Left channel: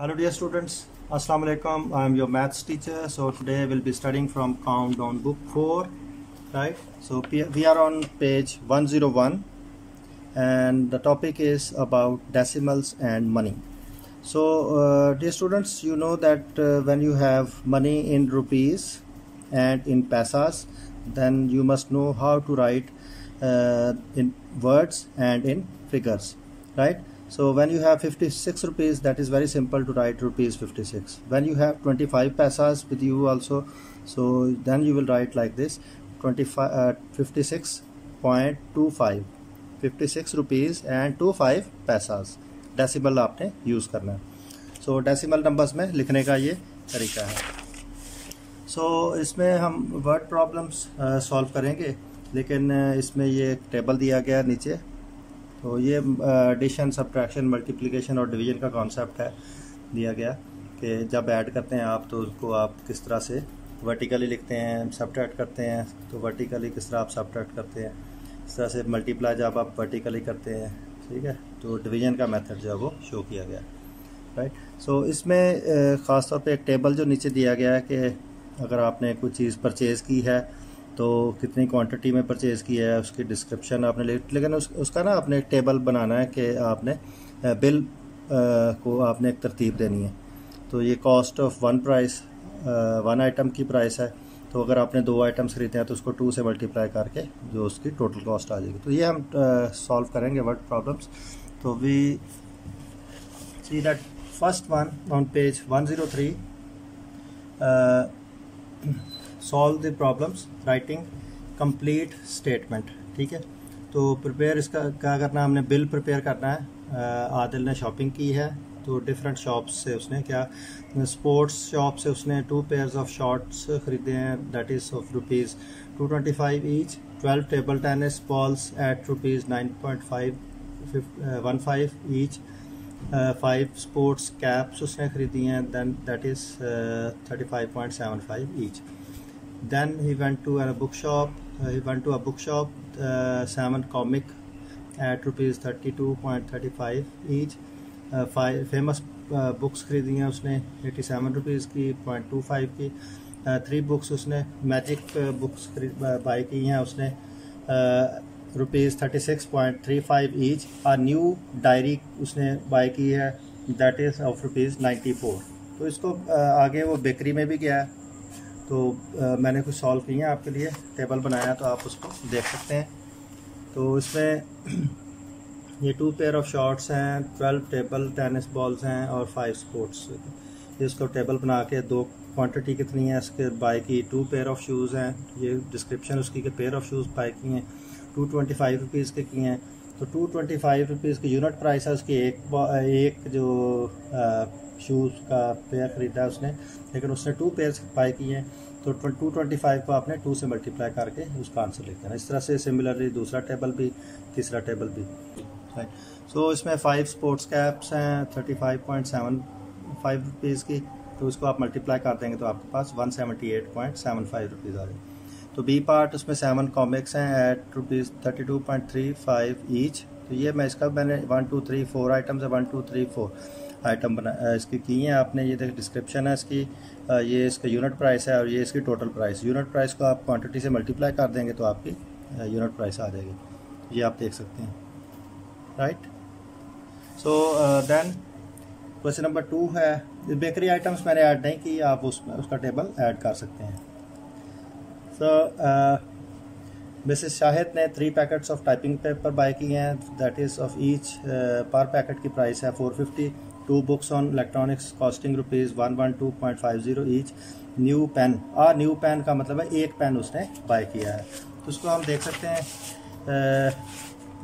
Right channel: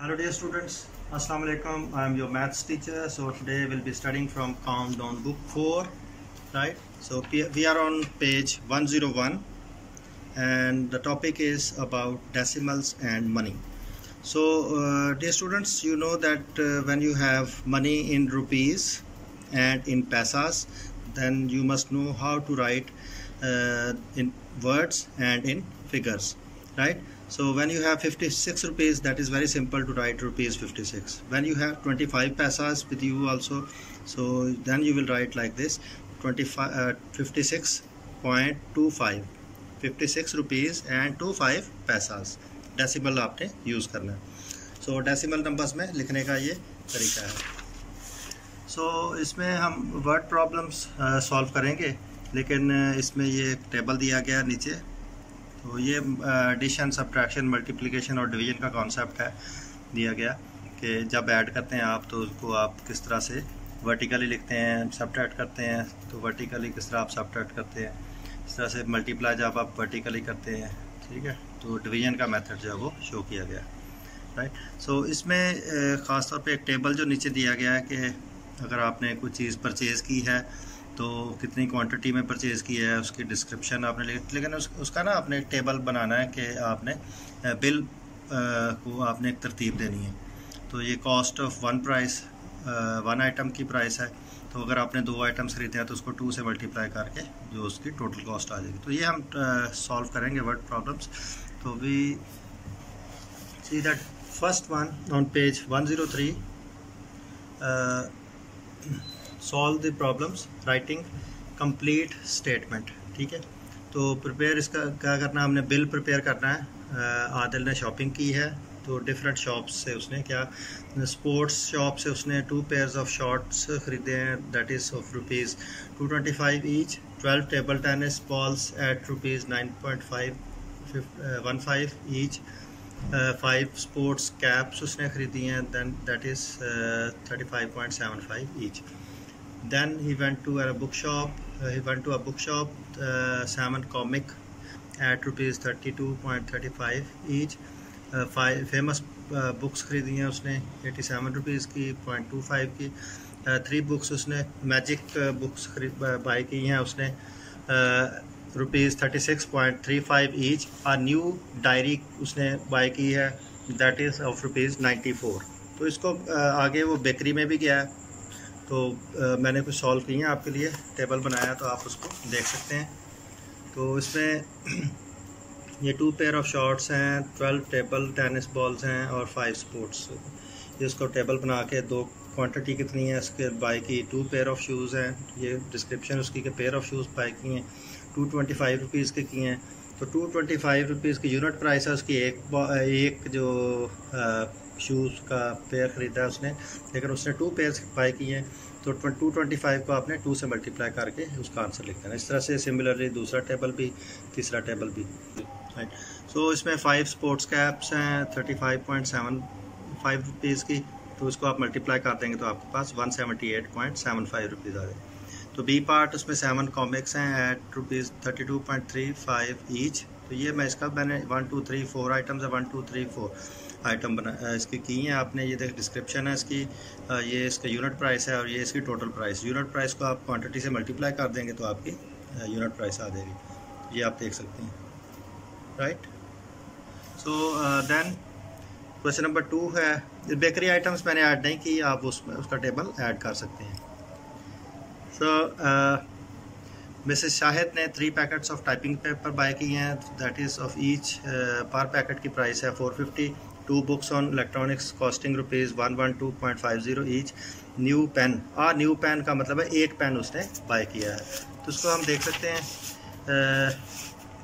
Hello dear students, Assalamu alaikum. I am your maths teacher. So today we'll be studying from Countdown book 4, right? So we are on page 101 and the topic is about decimals and money. So dear students, you know that when you have money in rupees and in paisas, then you must know how to write in words and in figures, right? So when you have 56 rupees, that is very simple to write rupees 56. When you have 25 paisas with you also, so then you will write like this 56.25 56 rupees and 25 paisas. Decimal आपने use करना है. सो decimal numbers में लिखने का ये तरीका है. सो इसमें हम वर्ड प्रॉब्लम्स सॉल्व करेंगे, लेकिन इसमें ये एक टेबल दिया गया नीचे. तो ये एडिशन, सब्ट्रैक्शन, मल्टीप्लिकेशन और डिवीजन का कॉन्सेप्ट है दिया गया कि जब ऐड करते हैं आप तो उसको आप किस तरह से वर्टिकली लिखते हैं, सब्ट्रैक्ट करते हैं तो वर्टिकली किस तरह आप सब्ट्रैक्ट करते हैं, इस तरह से मल्टीप्लाई जब आप वर्टिकली करते हैं, ठीक है. तो डिवीजन का मेथड जो है वो शो किया गया, राइट. सो इसमें ख़ास तौर पे एक टेबल जो नीचे दिया गया है कि अगर आपने कोई चीज़ परचेज़ की है तो कितनी क्वांटिटी में परचेज़ की है, उसकी डिस्क्रिप्शन आपने लेकिन उसका ना आपने एक टेबल बनाना है कि आपने बिल को आपने एक तरतीब देनी है. तो ये cost of one price, one item की प्राइस है. तो अगर आपने 2 आइटम्स खरीदे हैं तो उसको 2 से मल्टीप्लाई करके जो उसकी टोटल कॉस्ट आ जाएगी. तो ये हम सॉल्व करेंगे वर्ड प्रॉब्लम्स. तो we see that first one on page 103, solve the problems writing complete statement. ठीक है. तो प्रिपेयर इसका क्या करना है, हमने बिल प्रिपेयर करना है. आदिल ने शॉपिंग की है तो डिफरेंट शॉप्स से उसने क्या, स्पोर्ट्स शॉप से उसने 2 पेयर्स ऑफ शॉर्ट्स खरीदे हैं, that is of rupees 225 each. 12 table tennis balls at rupees 9.15 each. 5 sports caps उसने खरीदी हैं, then that is 35.75 each. Then he went to a bookshop. 7 comic at rupees 32.35 each. 5 famous books खरीदी हैं उसने 87 rupees की, 0.25 की. 3 बुक्स उसने magic books by की हैं उसने रुपीज़ 36.35 ईच. और न्यू डायरी उसने बाई की है, दैट इज़ ऑफ रुपीज़ 94. तो इसको आगे वो बेकरी में भी गया है. तो मैंने कुछ सॉल्व किए हैं आपके लिए, टेबल बनाया तो आप उसको देख सकते हैं. तो इसमें ये 2 पेयर ऑफ शॉर्ट्स हैं, 12 टेबल टेनिस बॉल्स हैं और 5 स्पोर्ट्स. ये उसको टेबल बना के 2 क्वांटिटी कितनी है उसके बाई की, 2 पेयर ऑफ शूज़ हैं. ये डिस्क्रिप्शन उसकी के पेयर ऑफ शूज़ बाई की हैं 225 रुपीज़ के किए हैं. तो 225 रुपीज़ की यूनिट प्राइस है उसकी. एक जो शूज़ का पेयर ख़रीदा है उसने, लेकिन उसने 2 पेयर बाई किए हैं. तो 225 को आपने 2 से मल्टीप्लाई करके उसका आंसर लिख देना. इस तरह से सिमिलरली दूसरा टेबल भी, तीसरा टेबल भी, राइट. सो इसमें 5 स्पोर्ट्स कैप्स हैं 35.75 रुपीज़ की. तो उसको आप मल्टीप्लाई कर देंगे तो आपके पास 178.75 रुपीज़ आ जाए. तो बी पार्ट उसमें 7 कॉमिक्स हैं एट रुपीज़ 32.35 ईच. तो ये मैंने 1 2 3 4 आइटम्स है, 1 2 3 4 आइटम बना इसकी की हैं आपने. ये देख डिस्क्रिप्शन है इसकी, ये इसका यूनिट प्राइस है और ये इसकी टोटल प्राइस. यूनिट प्राइस को आप क्वांटिटी से मल्टीप्लाई कर देंगे तो आपकी यूनिट प्राइस आ जाएगी. ये आप देख सकते हैं, right. So then question number 2 है, बेकरी आइटम्स मैंने ऐड नहीं की, आप उसमें उसका टेबल ऐड कर सकते हैं. सो मिसेस शाहिद ने 3 packets of typing paper buy किए हैं, that is of each per packet की प्राइस है 450. 2 books on electronics costing rupees 112.50 each. New pen, और न्यू पेन का मतलब है एक पेन उसने बाय किया है. तो उसको हम देख सकते हैं.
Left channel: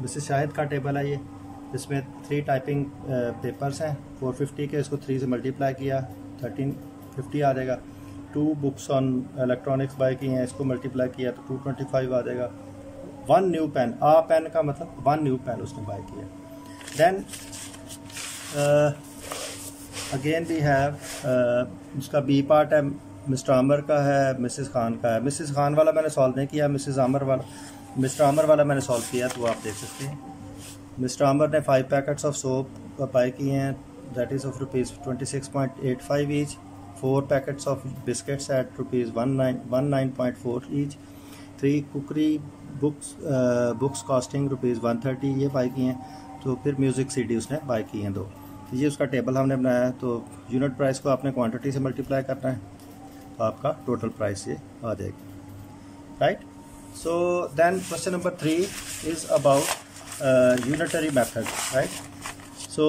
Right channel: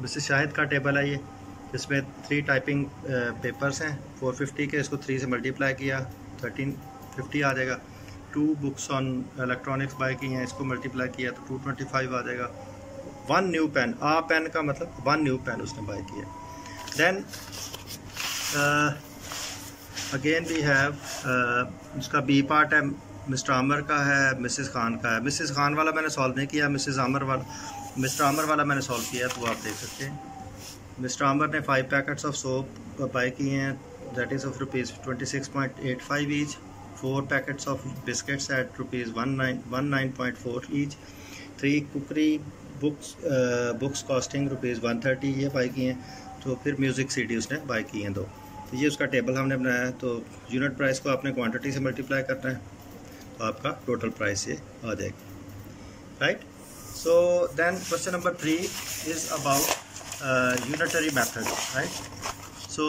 मिसेस शाहिद का टेबल है ये, इसमें 3 टाइपिंग पेपर्स हैं 450 के. इसको 3 से मल्टीप्लाई किया 1350 आ जाएगा. 2 बुक्स ऑन इलेक्ट्रॉनिक्स बाय की हैं, इसको मल्टीप्लाई किया तो 225 आ जाएगा. 1 न्यू पेन, पेन का मतलब 1 न्यू पेन उसने बाय किया. देन अगेन वी हैव उसका बी पार्ट है, मिस्टर आमर का है, मिसेस खान का है. मिसेस खान वाला मैंने सॉल्व नहीं किया, मिस्टर आमर वाला मैंने सॉल्व किया. तो आप देख सकते हैं मिस्टर आमर ने 5 पैकेट्स ऑफ सोप बाय किए हैं, that is of rupees 26.85 each. 4 packets of biscuits at rupees 19.4 each. 3 cookery books costing rupees 130 ये बाई की हैं. तो फिर म्यूज़िक सीडी उसने बाई की हैं 2. तो ये उसका टेबल हमने बनाया है. तो यूनिट प्राइस को आपने क्वांटिटी से मल्टीप्लाई करना है तो आपका टोटल प्राइस ये आ जाएगी. Right. So then question number 3 is about unitary method. Right. So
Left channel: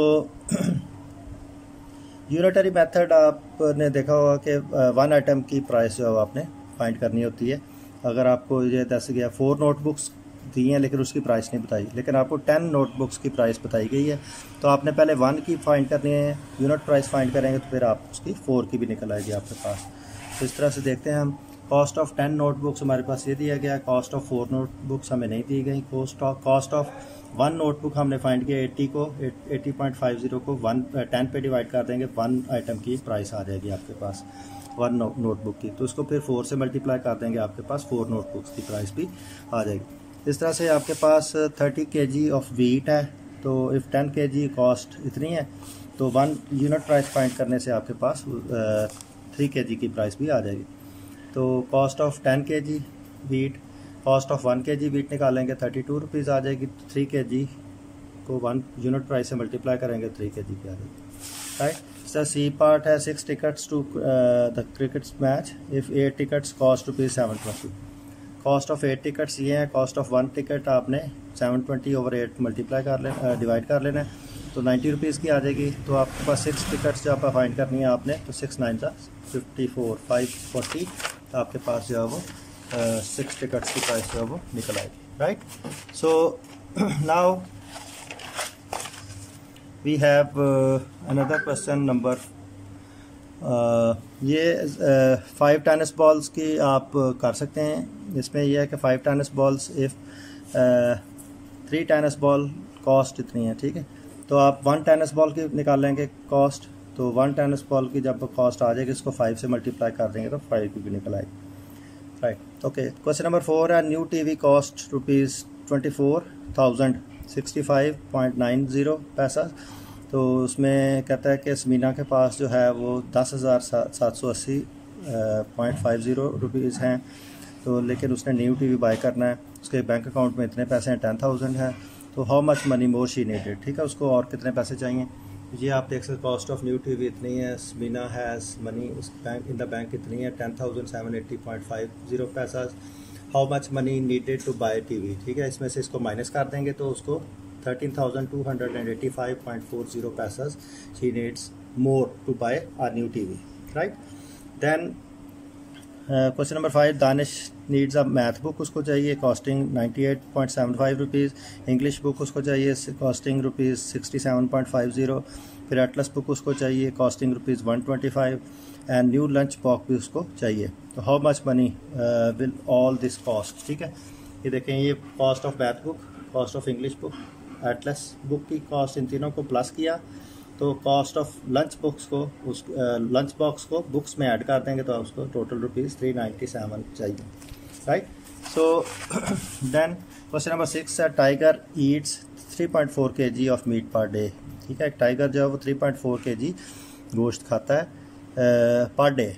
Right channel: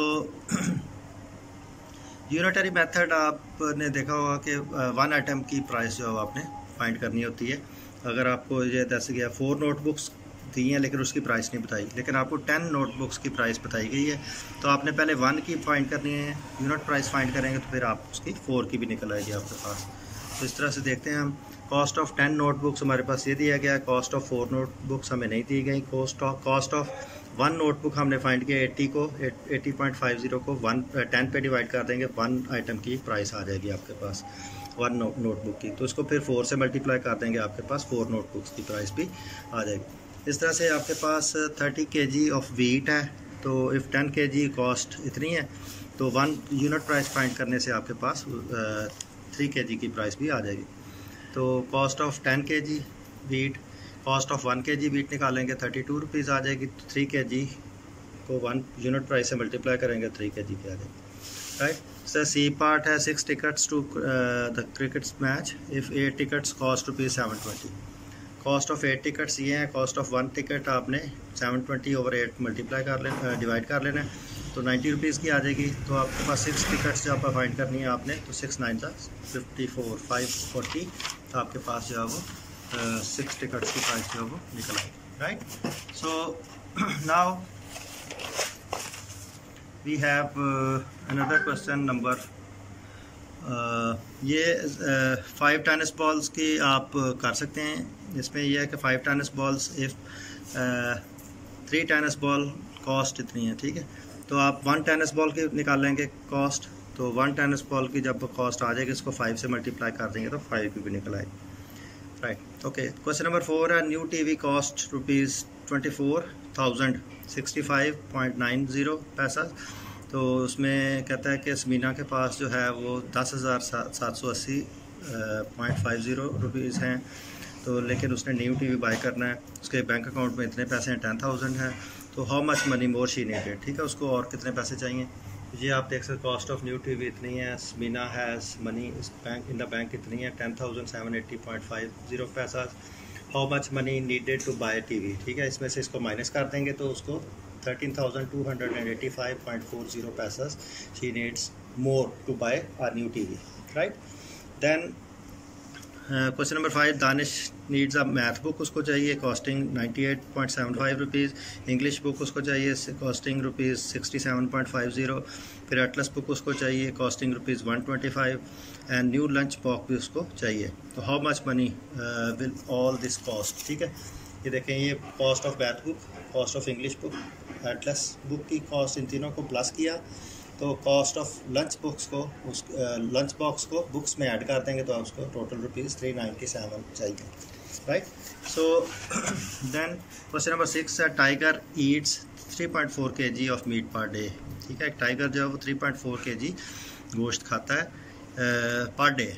unitary method आपने देखा होगा कि वन आइटम की प्राइस जो आपने फाइंड करनी होती है. अगर आपको ये जैसे कि 4 नोटबुक्स दी हैं लेकिन उसकी प्राइस नहीं बताई, लेकिन आपको 10 नोटबुक्स की प्राइस बताई गई है, तो आपने पहले 1 की फाइंड करनी है. यूनिट प्राइस फाइंड करेंगे तो फिर आप उसकी 4 की भी निकल आएगी आपके पास. तो इस तरह से देखते हैं हम. कॉस्ट ऑफ 10 नोटबुक्स हमारे पास ये दिया गया. कॉस्ट ऑफ 4 नोटबुक्स हमें नहीं दी गई. कॉस्ट ऑफ 1 नोटबुक हमने फाइंड किया 80.50 को 10 पे डिवाइड कर देंगे. 1 आइटम की प्राइस आ जाएगी आपके पास 1 नोटबुक की. तो उसको फिर 4 से मल्टीप्लाई कर देंगे, आपके पास 4 नोटबुक्स की प्राइस भी आ जाएगी. इस तरह से आपके पास 30 kg ऑफ वीट है. तो इफ़ 10 kg कॉस्ट इतनी है तो 1 यूनिट प्राइस फाइंड करने से आपके पास 3 kg की प्राइस भी आ जाएगी. तो cost of 10 kg wheat, cost of 1 kg wheat निकालेंगे 32 रुपीज़ आ जाएगी. 3 kg को 1 यूनिट प्राइस से मल्टीप्लाई करेंगे 3 kg की आ जाएगी. राइट. सर सी पार्ट है 6 tickets to the cricket match. If 8 tickets cost rupees 720. Cost of 8 tickets ये है. कॉस्ट ऑफ 1 टिकट आपने 720/8 मल्टीप्लाई कर लेना, डिवाइड कर लेना है. तो 90 रुपीज़ की आ जाएगी. तो आपके पास 6 टिकट्स जब आप फाइंड करनी है आपने, तो 6 9 54 540 आपके पास जो है वो 6 टिकट्स की प्राइस जो है वो निकल आएगी. Right. So now we have another question number. ये 5 टेनिस बॉल्स की आप कर सकते हैं. इसमें यह है कि 5 tennis balls if 3 tennis ball cost इतनी है. ठीक है. तो आप 1 टेनिस बॉल की निकाल लेंगे कॉस्ट. तो 1 टेनिस बॉल की जब कॉस्ट आ जाएगी इसको 5 से मल्टीप्लाई कर देंगे तो 5 की भी निकल आएगी. राइट. ओके. क्वेश्चन नंबर 4 है. न्यू टीवी कॉस्ट रुपीज़ 24,065.90 पैसा. तो उसमें कहता है कि समीना के पास जो है वो 10,780.50 रुपीज़ हैं. तो लेकिन उसने न्यू टीवी बाय करना है. उसके बैंक अकाउंट में इतने पैसे हैं 10,000 हैं. तो how much money more she needed. ठीक है. उसको और कितने पैसे चाहिए. ये आप देख सकते. कॉस्ट ऑफ न्यू टीवी इतनी है. Samina has money bank in the bank इतनी है 10,780.50 पैसा. How much money needed to buy TV. ठीक है. इसमें से इसको माइनस कर देंगे तो उसको 13,285.40 पैसा she needs more to buy a new TV. Right. Then question number 5. Danish needs a math book. उसको चाहिए कॉस्टिंग 98.75 रुपीज़. इंग्लिश बुक उसको चाहिए कॉस्टिंग रुपीज़ 67.50. फिर एटलस बुक उसको चाहिए costing rupees 125. And new lunch box भी उसको चाहिए. तो how much money will all this cost. ठीक है. ये देखें. ये cost of math book, cost of English book, Atlas book की कॉस्ट, इन तीनों को प्लस किया तो कॉस्ट ऑफ लंच बुक्स को उस लंच बॉक्स को बुक्स में ऐड कर देंगे तो उसको टोटल रुपीज़ 397 चाहिए. Right. So then question number 6 है. Tiger eats 3.4 kg of meat per day. ठीक है. टाइगर जो है वो 3.4 kg गोश्त खाता है पर डे,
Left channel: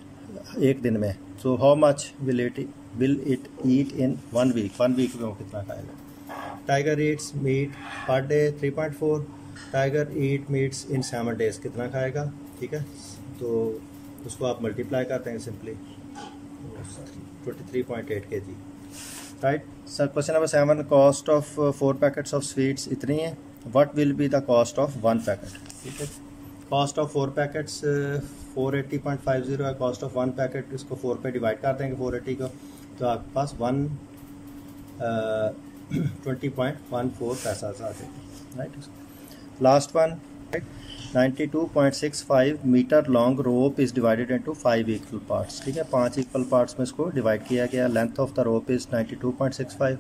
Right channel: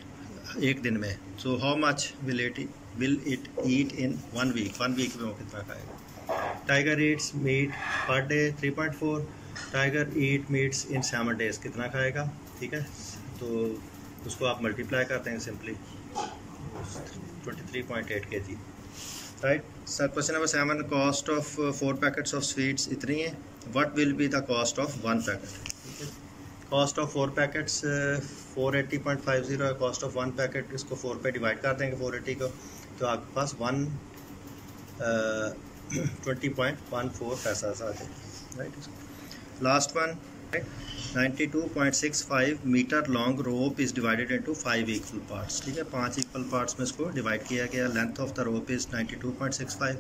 एक दिन में. So how much will it eat in 1 week. 1 week में वो कितना खाएगा. Tiger eats meat per day 3.4. Tiger eat meats in 7 days कितना खाएगा. ठीक है. तो उसको आप मल्टीप्लाई करते हैं simply 23.8 kg. Right. Question number 7. Cost of 4 packets of sweets इतनी है. What will be the cost of 1 packet. ठीक है. कॉस्ट ऑफ 4 पैकेट्स 480.50 है. कॉस्ट ऑफ 1 पैकेट, इसको 4 पे डिवाइड कर देंगे 480 को, तो आपके पास 20.14 पैसा आ जाएगा. Right. Last one. 92.65 metre long rope is divided into 5 equal parts. ठीक है. 5 इक्वल पार्ट्स में इसको डिवाइड किया गया. Length of the rope is 92.65.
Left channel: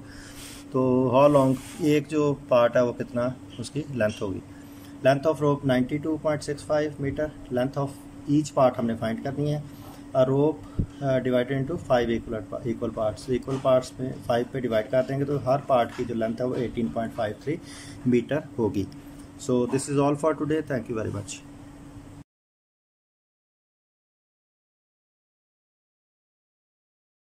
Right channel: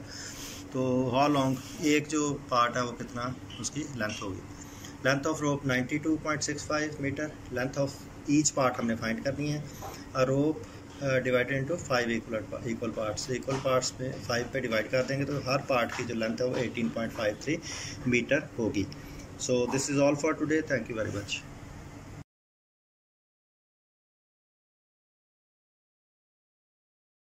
तो हाउ लॉन्ग, एक जो पार्ट है वो कितना उसकी लेंथ होगी. Length of rope 92.65 metre. Length of each part हमने फाइंड करनी है. A rope divided into 5 equal parts. Equal parts में 5 पे डिवाइड कर देंगे तो हर पार्ट की जो लेंथ है वो 18.53 मीटर होगी. So this is all for today. Thank you very much.